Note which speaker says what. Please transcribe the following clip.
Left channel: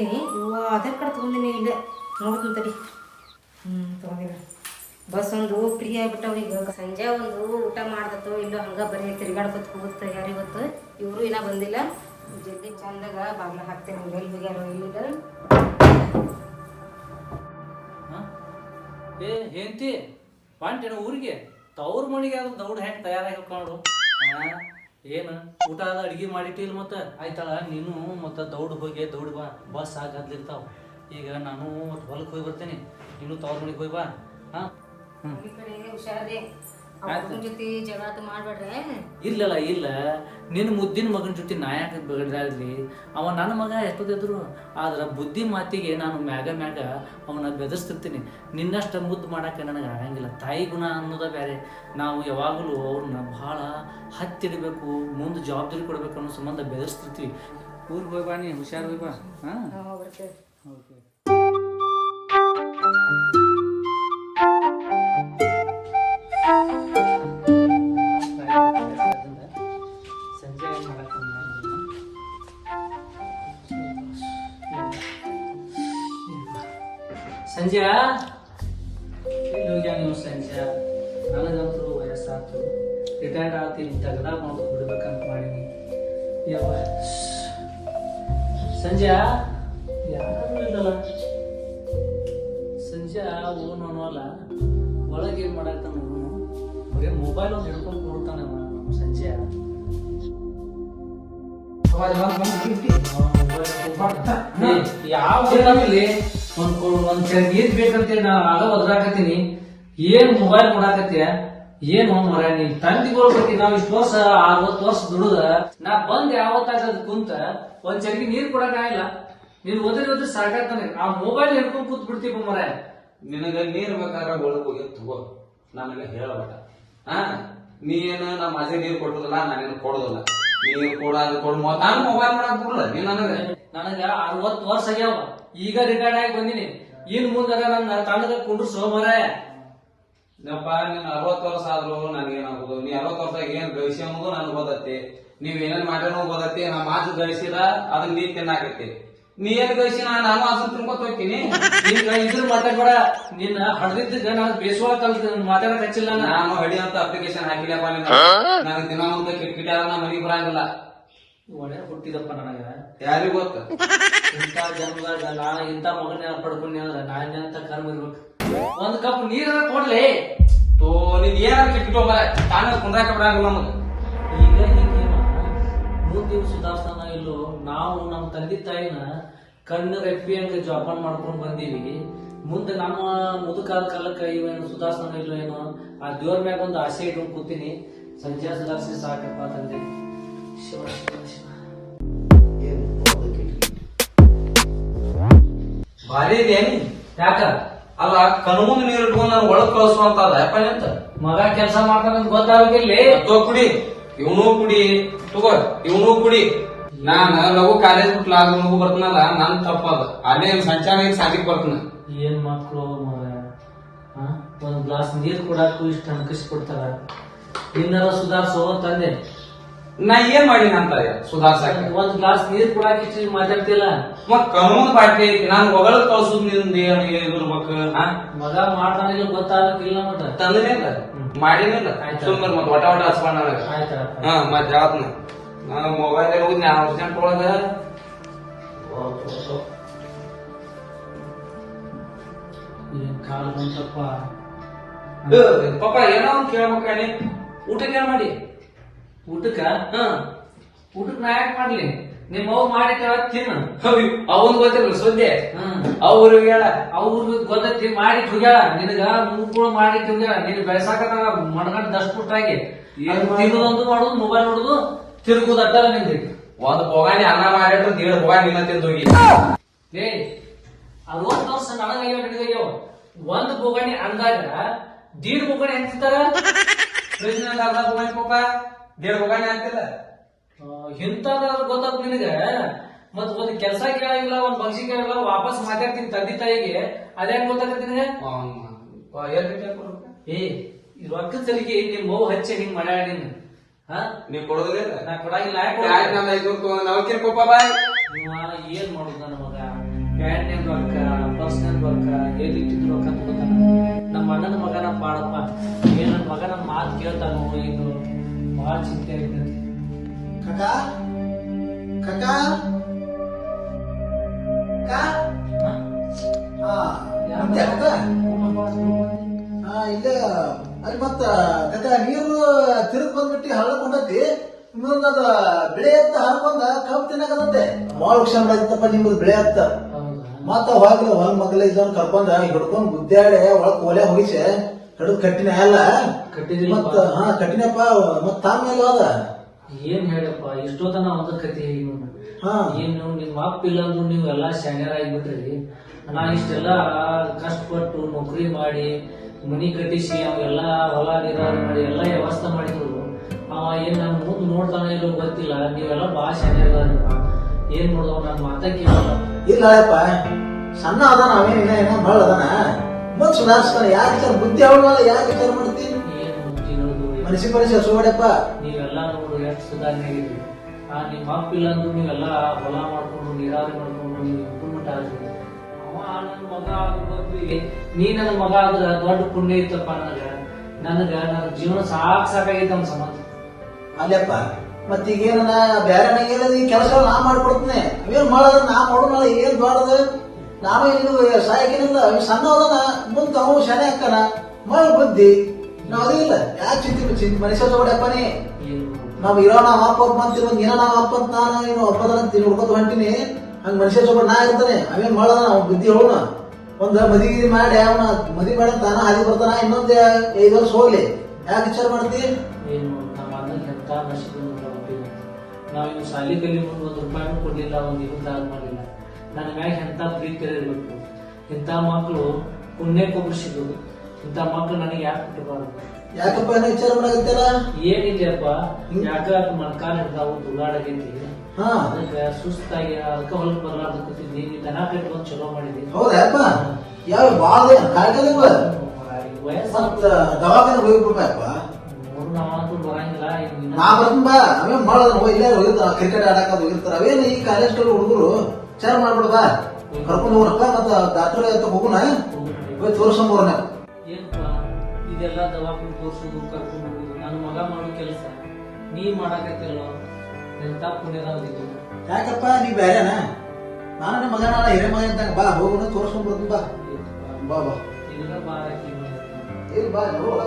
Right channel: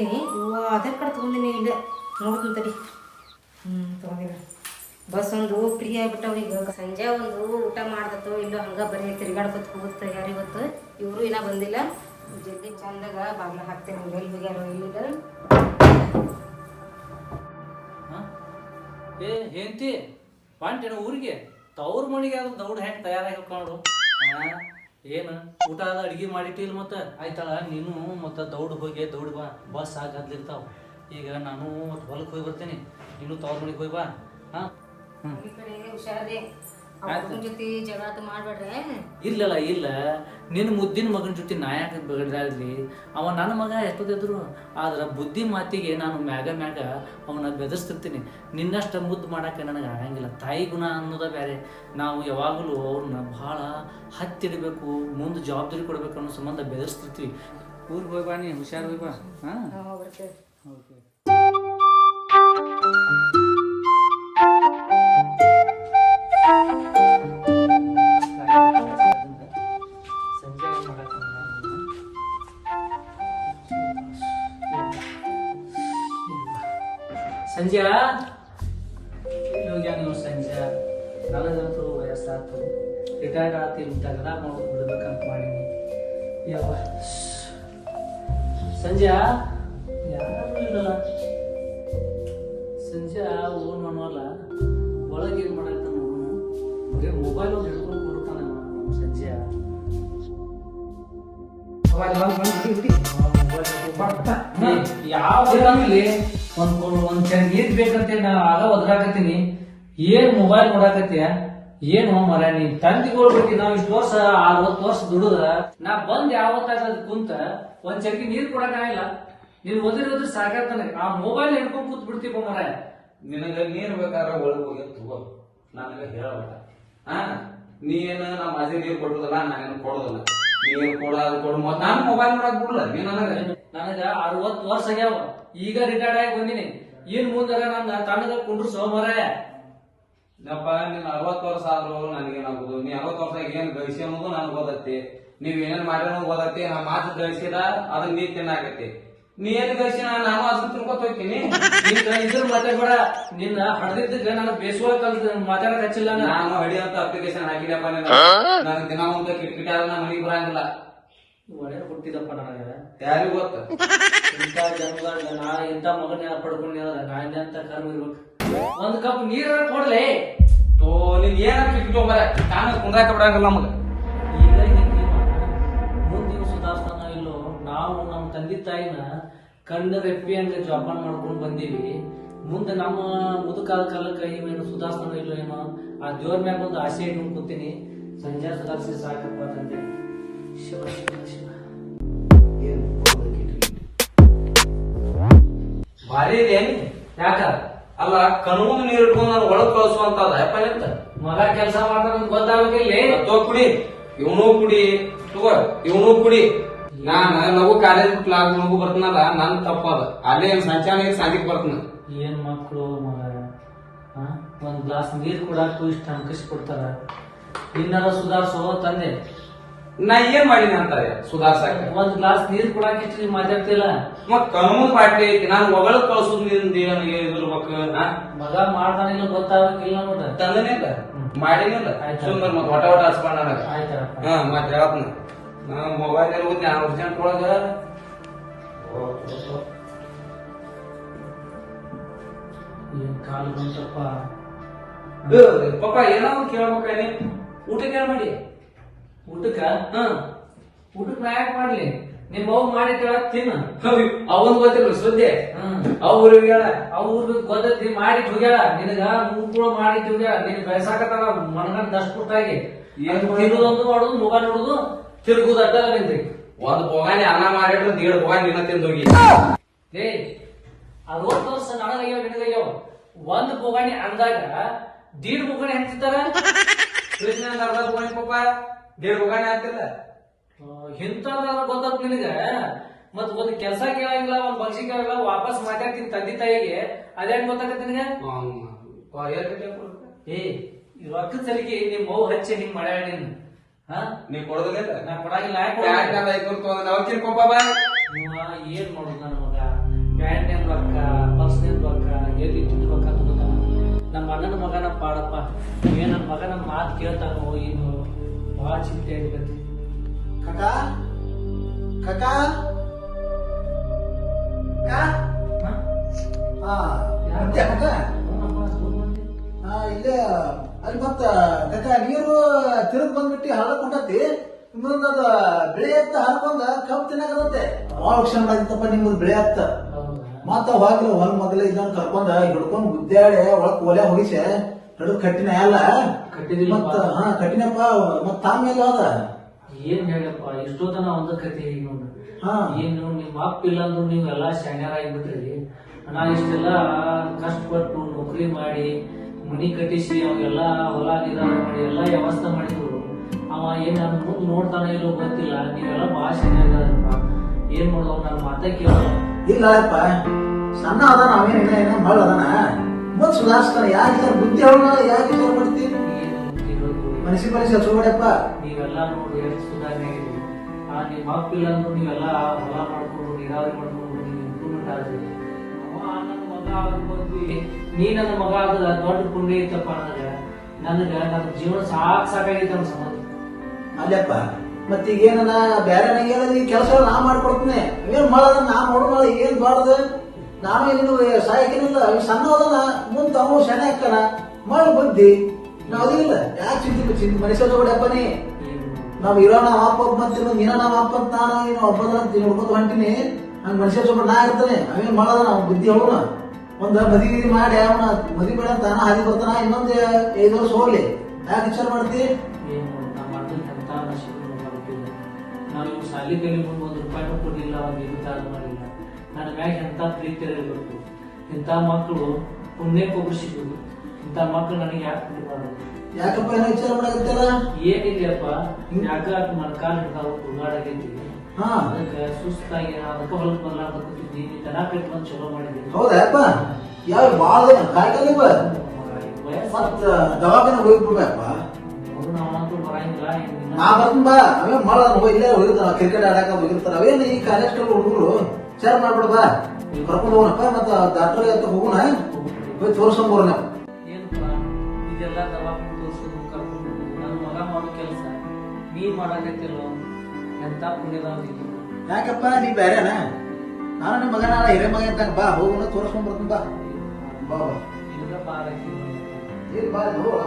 Speaker 1: ಮಾಡಿಟ್ಟಿನಿ ಇವ ಆಧಾರ್ ಕಾರ್ಡ್ ತೊಗೊಂಡಿನಿ ಇಲ್ಲ ನೋಡ್ತೀನಿ ತಡಿ. ಹ್ಞೂ ತೊಗೊಂಡಿನ. ಬಸ್ ಒಂದು ಫ್ರೀ ಆಗ್ಬಿಟ್ಟವ ಈಗ. ಸಂಜೆ ಒಂದು ಊಟ ಮಾಡ್ದತ್ತು ಇಲ್ಲೋ ಹಂಗೆ ಬರೀ ತಿರ್ಗಾಡ್ಕೊತ ಹೋಗುತ್ತೆ ಯಾರಿಗೊತ್ತು ಇವರು ಇನ್ನೂ ಬಂದಿಲ್ಲ. ಜಲ್ದಿ ಚಂದಾಗ ಬಾಗ್ಲ ಹಾಕ್ತೇನೆ. ಹಂಗೆ ಎಲ್ಲಿ ಹೋಗ್ಯಾರೋ ಇಲ್ಲಿಲ್ಲ
Speaker 2: ಹ? ಏ ಹೆಂತಿ ಪಾಂಟಿನ ಊರಿಗೆ. ತವ್ರ ಮನೆಗೆ ಅದು ದೌಡ್ ಹೆಂಗೆ ತಯಾರಾಗಿ ಹೋಗ್ಕೊಂಡು ಏನು? ಊಟ ಅದ ಅಡಿಗೆ ಮಾಡಿಟ್ಟಿಲ್ ಮತ್ತ? ಆಯ್ತಲ್ಲ, ನೀನು ಮತ್ತ ದೌಡ್ ಹೋಗಿ, ದೌಡ್ ಬಾ. ಬಸ್ ಆಗದ್ಲಿರ್ತಾವ ಈಗ ನಾನು ಹೊಲಕ್ಕೆ ಹೋಗಿ ಬರ್ತೇನೆ. ನೀನು ತವ್ರ ಮನೆಗೆ ಹೋಗಿ ಬಾ. ಹಾಂ?
Speaker 1: ಹುಷಾರೇ ಅವ್ರ ಜೊತೆ ಜಗಳ ಅದು ಮಾಡ್ಬೇಡ್ರೆ?
Speaker 2: ಇಲ್ಲಲ್ಲ ಇಲ್ಲ. ನಿನ್ನ ಮುದ್ದಿನ ಮಗನ ಜೊತೆ ನಾಯಕ ಯಾಕೆ ಅವ ನನ್ನ ಮಗ ಎಷ್ಟೊತ್ತಿದ್ರು ಆದ್ರೆ ಬುದ್ಧಿ ಮಾತಿಗೆ ನಾನು ಮ್ಯಾಗ ಮ್ಯಾಗ ಅವನ ಬೆದರ್ಸ್ತಿರ್ತೀನಿ. ನಿನ್ನಷ್ಟ ಮುದ್ದು ಮಾಡಕ್ಕೆ ನನಗೆ ಆಗಂಗಿಲ್ಲ. ತಾಯಿ ಗುಣ ಅನ್ನೋದ ಬೇರೆ ನಾವು ಯಾವಾಗಲೂ ಅವ್ರನ್ನ ಭಾಳ ಹತ್ತಿಡಬೇಕು ಮುಂದೆ ಜವಾಬ್ದಾರಿ ಕೊಡ್ಬೇಕು ಅನ್ನೋ ಸಂಬಂಧ ಬೆದರ್ಸ್ತಿರ್ತೀವಿ. ಊರಿಗೆ ಹೋಗಿ ಬಾ ನೀ ಹುಷಾರು ಹೋಗಿ ಬಾ. ಹಾಂ? ಓಕೆ ನೀವು ಸಂಜೆ ನನಗಂತೂ ವಯಸ್ಸಾತು ರಿಟೈರ್ ಆತಿ ತಗದ ಮಾಡಿ ಬಿಡ್ಬೇಕಂತ ಮಾಡೀನಿ ಯವ್ವ ಸಂಜೆ ಯಾರು ಇಲ್ಲ ಸಂಜೆ ಓನ್ ಅನ್ನೋಲ್ಲ ಒಳಗೆ ಏನ್ ಮಾಡಾಕ್ತಾನ ಬರೀ ಮೊಬೈಲ್ ಒಂದು ಹಿಡ್ಕೊಂಡು ಕೊಡ್ತಾನೆ ಸಂಜೆ ಯಾವ ಒಂದ್ ಒಂದ್ ಚಂದ್ ನೀರ್ ಬೇಕಂತ ನಾನು ಆಗ ಒದ್ರಾಕತ್ತೀನಿ ಏನ್ ಮೊಬೈಲ್ ಕೊಡಾಕತ್ತೀಯ ಏನು ಮರ ನೀವ್ ತಂದಿಗಳು ಕೊಡ್ಬೇಕು ನಾವ್ ಇಷ್ಟು ವರ್ಷ ಅರವತ್ತು ವರ್ಷ ದುಡುದ ನಾ ಬಂದ್ ಯಾವತ್ತಾಗ ಕುಂತ ಒಂದ್ ಚರ್ಗಿ ನೀರ್ ಕೊಡಕ್ಕಾಗಿಲ್ಲ ನೀನ್ ಒದ್ರಿ ಒದ್ರಿ ಸಾಕಾಗ್ತಾನೆ ನಾ ಮೊಬೈಲ್ ಹಿಡ್ಕೊಂಡ್ ಕೂತ್ ಬಿಡ್ತೀವ ಮರ
Speaker 3: ನಿನಗ ನೀರ್ ಬೇಕಾದ್ರ ಒಳಗ್ ಹೋಗಿ ತಗೋ. ನನಗ ಹೇಳಬೇಡ. ಹಾ ನೀ ಏನ ನಮ್ಮ ಅಜ್ಜಿ ನೀರ್ ಕೊಡುದಿಲ್ಲ ನಾನೇನು ಕೊಡೋದಲ್ಲ. ನೀರ್ ಕೊಡ ಅದು ಕೊಡು. ಮತ್ತ ನಾನು ಮೊಬೈಲ್ ಮಾಡಕ್ ಬಿಡಲ್ಲ ನೀ ನನಗ?
Speaker 2: ನನಗ ಅರವತ್ತು ವರ್ಷ ಆಗ್ಯಾವ. ಈಗ ರಿಟೈರ್ಡ್ ಆಗಿ ಬಂದಿನಿ. ಏನ್ ಮುಂದಾಗ ನನ್ನ ತನಗ ಕುಂಡ್ರು ಮರ
Speaker 3: ನಪ್ಪ ನೀನ್ ಅರವತ್ತು ವರ್ಷ ಆದ್ರು ನನಗೇನಾಗುದು ನೀ ಅರವತ್ತು ವರ್ಷ ಏನ್ ಗಳಿಸಿ ಅನ್ನೋದು ನನ್ಗೆ ಓದತ್ತಿ. ನೀವ್ ಏನೇನ್ ಮಾಡ್ಯಾನೋ ಓದತ್ತಿ ನಾ ಮಾತು ಗಳಿಸಿದ ಅದನ್ನ ನೀ ತಿನ್ನಾಕತ್ತಿ. ನೀ ಏನ್ ಗಳಿಸಿ ನಾನು ಅದು ತಿನ್ಕೊತ ಹೋಗ್ತೀನಿ.
Speaker 2: ಇದ್ರ ಮಾತಾಡ್ಬೇಡ ನಿನ್ನ ಹಡ್ದಿದ್ದ ನಾನು ಬೇಸೋಳ ಕಲ್ತ ಮಾತಾಡಕ್ ಹಚ್ಚಿಲ್ಲ ನಾ.
Speaker 3: ನಾನು ಹಡಿ ಅಂತ ಅಪ್ಲಿಕೇಶನ್ ಹಾಕಿಲ್ಲಪ್ಪ ನನಗೆ ದಿನ ಮುಂದೆ ಕ್ರಿಕೆಟ್ ಆದ್ರೆ ನಾ ಮನೆಗೆ ಬರಂಗಿಲ್ಲ.
Speaker 2: ಒಳ್ಳೆ ಹುಟ್ಟಿದಪ್ಪ ನನಗ.
Speaker 3: ಯಾರಿಗೂ ಗೊತ್ತ?
Speaker 2: ಇಂಥ ಜನ್ಮದಾಗ ನಾ ಇಂಥ ಮಗನ ಪಡ್ಕೊಂಡಿ ಅಂದ್ರೆ ನಾನು ಅಂತ ಕರ್ಮ ಒಂದ್ ಕಪ್ ನೀರ ಕೊಡ್ಲಿ
Speaker 3: ತೋ ನೀನ್ ಏನ ಕ್ರಿಕೆಟ್ ಹೋಗಲ್ಲ ನಾನು ಕುಂದ್ರಾಕ ಬಿಡಂಗಿಲ್ಲ ನಮಗ.
Speaker 2: ಈಗ ಹಿಂಗೆ ಮುಂದೆ ಸುಧಾರಿಸ್ತಾನ ಇಲ್ಲೋ ನಾವು ನಮ್ಮ ತಂದೆ ತಾಯಿನ ಕಣ್ಣು ರೆಪ್ಪಿ ಅಂತ ಜೋಪಾನ ಮಾಡ್ಕೊಂಡು ಬಂದೀವಿ. ಮುಂದೆ ನಮ್ಮ ಮುದುಕಾದ ಕಾಲಕ್ಕೆ ಇವೇನು ಸುಧಾರಿಸ್ತಾನ ಇಲ್ಲೋ ಏನೋ ಆ ದೇವ್ರ ಮ್ಯಾಗ ಒಂದು ಆಸೆ ಇಟ್ಟು ಕೂತೀನಿ. ಸಂಚಾರ ಸುಧಾರಿಸಿ ಸಾಕಪ್ಪ ತಂದೆ. ಶಿವ ಶಿವ ಶಿವ.
Speaker 3: ಭಾರಿ ಇದೇನು
Speaker 2: ಯಾಕ?
Speaker 3: ಅಲ್ಲ ಕಣ್ಮುಂದ್ ನೀರು ಇಟ್ಕೊಂಡ್ ನಾನು ಒಳಗ್ ಕಳಿಸುವಂತ ಅಂತ
Speaker 2: ಮಗ ಕೆಲಸ ಮಾಡ್ತಾನಂತ ಗೊತ್ತಾಗಬೇಕಿಲ್ಲ
Speaker 3: ತೋ ಕುಡಿ. ಇವನು ಕುಡಿ. ತಗೋ ಇವನು ಕುಡಿ. ನಾನ ಲಘು ಕಾಲೇಜ್ ಲಾಗ್ ಮಗು ಬರ್ತನಲ್ಲ ನನ್ ಅದ. ಅಲ್ಲೇ ಸಂಚಾನ ಸಾಲಿಗೆ ಬರ್ತನ.
Speaker 2: ಏನ್ ಮಕ್ಕಳು ಒಂದ್ ಗ್ಲಾಸ್ ನೀರ್ ಕೊಡಾಕು ಇಷ್ಟ ಅನ್ಕಸ್ ಕೊಡ್ತಾರ ಇನ್ನರ ಸುಧಾರಿಸೋ ತಂದೆ.
Speaker 3: ನಾ ಏನ್ ಮಾಡಿನ ಅಂತ ಸುಧಾರ್ಸಾಕ
Speaker 2: ಒಂದ್ ಗ್ಲಾಸ್ ನೀರ್ ಕೊಡಾಕ ಇಷ್ಟು ಮಾತಾಡ್ತಿಲ್ಲ
Speaker 3: ಮತ್ ಕಣ್ಮುಂದ್ ಬಾಕಿ ಐತಿ ನಾನು ಒಗಳ ಕಳ್ಸುದ್ನಿಂದ ಏನ್ ಇರ್ಬೇಕು ಹಾ?
Speaker 2: ಮಗ ಮಾಡ್ತಾನಿಲ್ಲ ಗೊತ್ತಾಗಕ್ಕಿಲ್ಲ ಮತ್ತ?
Speaker 3: ತಂದನಿಲ್ಲ ಮಾಡಿನಿಲ್ಲ. ಸುಮ್ಮನೆ ಮತ್ ಒಟ ಒಟ ಹಚ್ಕೊಂಡ್ ನನಗ
Speaker 2: ಆಯ್ತರಪ್ಪ
Speaker 3: ಹಾ ಮತ್ ಯಾವತ್ನ ನಾನು ಮೊಬೈಲ್ ಇರುವುದು ನಾನು ಅರ್ಜೆಂಟ್ ಒಳಗ
Speaker 2: ಕಾಲು ಬಂತಪ್ಪ.
Speaker 3: ಪಾಪ ಏನೋ ಒಂದ್ ಕೇಳ್ಬೇಕಾಗಿ ಊಟಕ್ಕೆ ಏನ್ ಮಾಡಿ?
Speaker 2: ಊಟಕ್ಕ?
Speaker 3: ಹಾ.
Speaker 2: ಊಟಕ್ ನಾ ಯಾಕೆ ಮಾಡ್ಲಿ? ನಿಮ್ ಅವ್ ಮಾಡಿ ತಿನ್ನ.
Speaker 3: ಅವನ್ ಗೊತ್ತಿಲ್ಲ ಸುದ್ದಿ. ಅವ್ರು ಹೇಳ
Speaker 2: ಅವ್ರ ಗೊತ್ತಿ ಮಾಡಿ ತುಗ್ಯಾಳ ನಿನಗ ಮುಂಕೂಳ ಮಾಡಿ ತುಗ್ಯಾಳ ನಿನ್ ಬೆಳೆಸಾಕತ್ತಾರ ಮಣಗಂಡ್ ದಷ್ಟ ಪುಟ್ಟಾಗಿ.
Speaker 3: ಏನ್ ಮಾಡೋದು?
Speaker 2: ತಿನ್ನೋದೊಂದು ಮಾಡೋದು ಮೊಬೈಲ್ ನೋಡುದು ತಿರುಗುದು ಅದ್ದಲ್ಲ ನಿಂದ್ರಿ.
Speaker 3: ಒಂದ್ ಪೊಗಾನಿ ಅನ್ನ ಮಾಡಿದ್ರೆ ನೀರ್ ಪೊಗಾನಿ ನಿನ್ನ ತಿಂದು ಹೋಗಿ
Speaker 2: ಲೇ ಅರವತ್ತು ವರ್ಷ ನನಗ ಹಿಡಿದಾಗ್ಯಾವ? ಒಂದ್ ಬೋಗಣಿ ಅಂದಾಗ ದೀಡ್ ಬೋಗಣಿ ಹೆಂಗ್
Speaker 3: ತಿಂತಾರ? ಅರ್ಧ ಪೊಗಾನಿ ಪಾಪ ದೇಡ್ ಪೊಗಾನಿ ಆಗ್ತಿಲ್ಲ
Speaker 2: ಇಂಥದ್ದು ಗೊತ್ತಾಗ ನಿನಗ? ಮತ್ ಒಂದ್ ಕೆಲಸ ಕೇಳಂಗಿಲ್ಲ ಒಂದ್ ಬಗ್ಸಿ ಕೇಳಂಗಿಲ್ಲ ವಾಪಸ್ ಮಾತಾಡ್ತೀನಿ ತಂದೆ ತಾಯಿಗೆ ಅದೇನ್ ಗೊತ್ತಾಗತ್ತೆ ನಿನಗೆ? ಏ ರೊಕ್ಕ ಸರಿಗೆ ನಿಮ್ ಮೌ ಹಚ್ಚಿ ಹಿಂಗ್ ಮಳೆ ನಿನ್
Speaker 3: ನೀವ್ ಕೊಡೋದಿಲ್ಲ
Speaker 2: ನಾ ಕೊಡಂಗಿಲ್ಲ ಏನ್ ಮಾಡುದು ನನ್ನ ಮಗ ಪ್ಯಾಂಟ್ನ್ಯಾಗ ರೊಕ್ಕ ಪರ್ಸ್ನ್ಯಾಗ ರೊಕ್ಕ ಎಲ್ಲಿ ಇಟ್ಟಿದ್ ಅಂತ ತಗೋತಾನ ನಮ್ಮ ಅಣ್ಣನ ಮಗನ ಪಾಡಪ್ಪ. ಏನ್ ಮಗನ ಮಗ ನನ್ನ ಮಾತು ಕೇಳ್ತಾನೋ ಇನ್ನು? ಭಾಳ ಚಿಂತೆ ಆಗಿರ್ತೈತಿ
Speaker 4: ಕಾಕ? ಇಲ್ಲೇ ಅಲ್ಲಿ ಮತ್ತ ಕಾಕ ನೀರು ತಿರುಗ್ ಬಂದ್ಬಿಟ್ಟು ಹಳ್ಳ ಕೊಂಡತಿ ಮುಂದ ಅದ ಬೆಳೆ ಅಂತ ಹಾಕೊಂಡ ಕಬ್ಬು ತಿನ್ನಕಂತೆ ಭಾಳ ಕ್ಷಣ ಆಗಿತ್ತಪ್ಪ ನಿಮ್ದು ಬೆಳೆ ಹತ್ತ ಮತ್ತ ಹೋಗ್ಲಿ ಒಂದ್ ಮಗಲ ಇದನ್ನ ಕರ್ಕೊಂಡ ಹಿಡ್ಕೊಂಡ್ ಗುದ್ದಾಳೆ ಒಳಗ್ ಒಲೆ ಹೋಗಿಸಿ. ಹಿಡಿದು ಕಟ್ಟಿನ ಅಲ್ಲ.
Speaker 2: ಕಟ್ಟಿದಿಲ್ಲಪ್ಪ.
Speaker 4: ಮತ್ತ ಹಾ ಕಟ್ಟಿನಪ್ಪ ಮತ್ತ ತಾಮೇಲೆ ಹೋದ
Speaker 2: ಏನ್ ಹೇಳಪ್ಪ ಇಷ್ಟೊತ್ತನ ಒಂದ ಕತೆ
Speaker 4: ಹಾ.
Speaker 2: ಏನು ನಿಮ್ ಅಪ್ಪ ಇಲ್ಲ ಅಂದ್ರು ನೀವು ಎಲ್ಲಾ ಶಾಣ್ಯರ ಆಗಿಬಿಟ್ರಿ. ನಾ ಇಷ್ಟೆಲ್ಲ ಕಷ್ಟಪಟ್ಟು ನೌಕರಿ ಮಾಡಿ ಮನಿ ಕಟ್ಟಿಸಿ ಅವೆಲ್ಲ ಹೊಲ ನೀರಾವರಿ ಮಾಡಿ ಎಲ್ಲಾ ವ್ಯವಸ್ಥೆ ಮಾಡಿದ್ರು. ಅವ ಏನ್ ನನ್ ಮುಂದ್ ನೋಡ್ತಾನೆ ಇಲ್ಲೋ ಗೊತ್ತಿಲ್ಲ. ನೀವೆಲ್ಲ ಭಾಳ ಶಾಣ್ಯರಪ್ಪ ಏನ್ ಮಾಡೋದು? ನನ್ ಮಾತ ಕೇಳಲ್ಲ.
Speaker 4: ಇಲ್ಲ ಅಪ್ಪ. ಸಣ್ಣ ಅದಾನ. ಅವನೇ ಏನ ಬಾಳ ಅದಾನ. ಮುಂದ್ ಸುಧಾರಿಸ್ತಾನೆ ಯಾಕೆ ಸರ್? ಬುದ್ಧಿ ಅವನ ಯಾಕೆ ಸರ್ ಮಾಡ್ತಿ?
Speaker 2: ಮನಸ್ಸಿ
Speaker 4: ಮನಸ್ಸಿ ಮನಸ್ಸಿ ಮಾಡಪ್ಪ.
Speaker 2: ನೀವೆಲ್ಲ ನೋಡ್ರಿ ಎಷ್ಟು ಸುಧಾರಣೆ ಆಗಿದೆ. ಆ ನಿಮ್ಮ ಅಪ್ಪ ಇಲ್ಲ ಅಂದ್ರು ನೀವೆಲ್ಲ ಹೊಲ ಮಾಡ್ಕೊಂಡು ನೀರಾವರಿ ಮಾಡ್ಕೊಂಡು ನೀವು ಇಂಪ್ರೂವ್ಮೆಂಟ್ ಆದ್ರಿ ಅವ ನನ್ನ ಮಗ ನೀ ನನ್ನ ಮಗ ಆದ್ರ ದೊಡ್ಡ ಪುಣ್ಯ ಇತ್ತಪ್ಪ ನನಗ. ನನಗ ನನ್ನ ಜೀವನ ಸಾಕ್ ಸಾಕಾಗೈತೆ ಅವ್ನ ಸಂಬಂಧ.
Speaker 4: ಅಲ್ಲಪ್ಪ ಮತ್ತ ಈಗೇನ ಬೇರೆ ಈ ಕೆಲಸ ನಾ ಮಾಡ್ಕೊಡ್ತೀನಿ? ಏನ್ ಮಾಡೋದ್ರ ನಾ ಮಾಡೋಣ ಏನ್ ಮಾಡೋದು? ನಾನು ಇನ್ನು ಸಹಾಯಕಿನಿಂದ ಅವ್ ಸಣ್ಣ ಅದನ ಮುಂದ್ ತಮ್ಮ ಶನಿ ಹಾಕನ ಮಳ ಬುದ್ಧಿ ನಾವು ಇಲ್ಲ. ಯಾಕೆ ಚಿಂತೆ ಚಿಂತೆ ಮನುಷ್ಯ ಸುಗಡಪ್ಪ ನೀ.
Speaker 2: ಏನು
Speaker 4: ನಾವ್ ಇರೋ ನಾವ್ ಅಪ್ಪ ಒಬ್ಬ ಅಂತೀವಿ ಒಂದ್ ದಿನ ನಾವ್ ಅಪ್ಪ ಅಂತ ನಾನು ಇನ್ನು ಒಬ್ಬದ ಅಂತ ಹುಡ್ಕೋದು ಹೊಂಟಿನಿ. ಹಂಗ ಮನುಷ್ಯ ಸ್ವಲ್ಪ ನಾ ಇರ್ತಾನೆ. ಅವೇನ್ ಮಾಡೋದ ನಾವು ಬುದ್ಧಿ ಹೇಳೋಣ. ಒಂದ್ ಮದಿಗಿರಿ ಮಾಡಿ ಅವನ ಮದಿ ಬೇಡ ಅಂತ ನಾ ಹಾದಿ ಬರ್ತಾನ, ಇನ್ನೊಂದು ಐದು ವರ್ಷ ಹೋಗ್ಲಿ. ಯಾಕೆ ವಿಚಾರ ಮಾಡ್ತಿ?
Speaker 2: ಏನು ಇನ್ನು ಸಾಲಿ ಕಲಿ ಒಂದು ರೂಪಾಯಿನೂ ಕೊಡ್ಲಿಲ್ಲ ಒಂದು ಇದು ಚಾರ್ಜ್ ಮಾಡಲಿಲ್ಲ. ನನ್ನ ಮ್ಯಾಗ ಎಂತ ಪ್ರೀತಿ ಇರಬೇಕು ಇಂಥ ಮಕ್ಕಳು ಪುಣ್ಯಕ್ಕೊಬ್ರು ಸಿಗೋದು ಇಂಥ ಮಕ್ಕಳು ನನಗೆ ಯಾಕೆ ಬಿಟ್ಟಬಾರ್ದು
Speaker 4: ಯಾಕಪ್ಪ ಏನೋ ವಿಚಾರ ಮಾಡಕತ್ತಲ್ಲ
Speaker 2: ಏನಿದೆಯಪ್ಪ ಯಾಕ ನನ್ನ ಕಾಲ ಹಿಡ್ದಾವು ಅದಕ್ಕೆ ಸುಸ್ತಾಗಿ ಅದಕ್ಕೆ ಹೊಲಕ್ಕೆ ಬರ್ಲಾರ್ದ ಕೂತಿದ್ದಿ ನೀ ದನ ಕಟ್ಕೊಂಡು ಚಲೋ ಮಾಡಿದಿ.
Speaker 4: ಹೌದಪ್ಪ ಯಾವ ಬಾಳ ಮತ್ತ ದವಾಖಾನೆ ಹೋಗ್ಬಿಡ್ಬೇಕಪ್ಪ ನಾ ಬರ್ತೀನಿ ಬಾ. ಇಲ್ಲೇ ಹೋಗಿರ್ತಾರ ಕ್ರಿಕೆಟ್ ಆಡಾಕ ಹೋಗಿರ್ತಾರ ಅವೇನು ಈ ಕಾಲೇಜ್ ಹುಡುಗರು? ವಿಚಾರ ಮಾಡ್ಬಿಡ್ದ? ಕರ್ಕೊಂಡು ಹೋಗ್ರಪ್ಪ ಮತ್ತ ಡಾಕ್ಟರ್ ಹತ್ರ ಹೋಗೋಣ ಹೋಗಿ ತೋರ್ಸಂಬೋರ್ ನಾವು
Speaker 2: ಏನಪ್ಪ ಇದೆಲ್ಲ ದವಾಖಾನೆ ತೋರ್ಸೋದು ಕರ್ಕೊಂಡು ಹೋಗೋದು ನನ್ನ ಮಗ ಮಾಡೋ ಕೆಲಸ. ನೀ ಮಾಡಾಕತ್ತಿಲ್ಲ ಎಂತ ಪುಣ್ಯದವನಿಗೆ
Speaker 4: ಯಾಕಪ್ಪ ನೀ ಬೇರೆನಾ? ನಾನು ನಮ್ಮ ಮಗ ನಾಳೆ ಹಿರೇ ಮಗ ಅಂತ ಬಾ ಹೋಗೋಣ ತೋರ್ಸ್ಕೊಂಡ್ ಬರ್ತೀನಿ ಬಾ. ಬಾ ಬಾ.
Speaker 2: ಬಾರ
Speaker 4: ಏನ್ ಬಾ ನೋಡು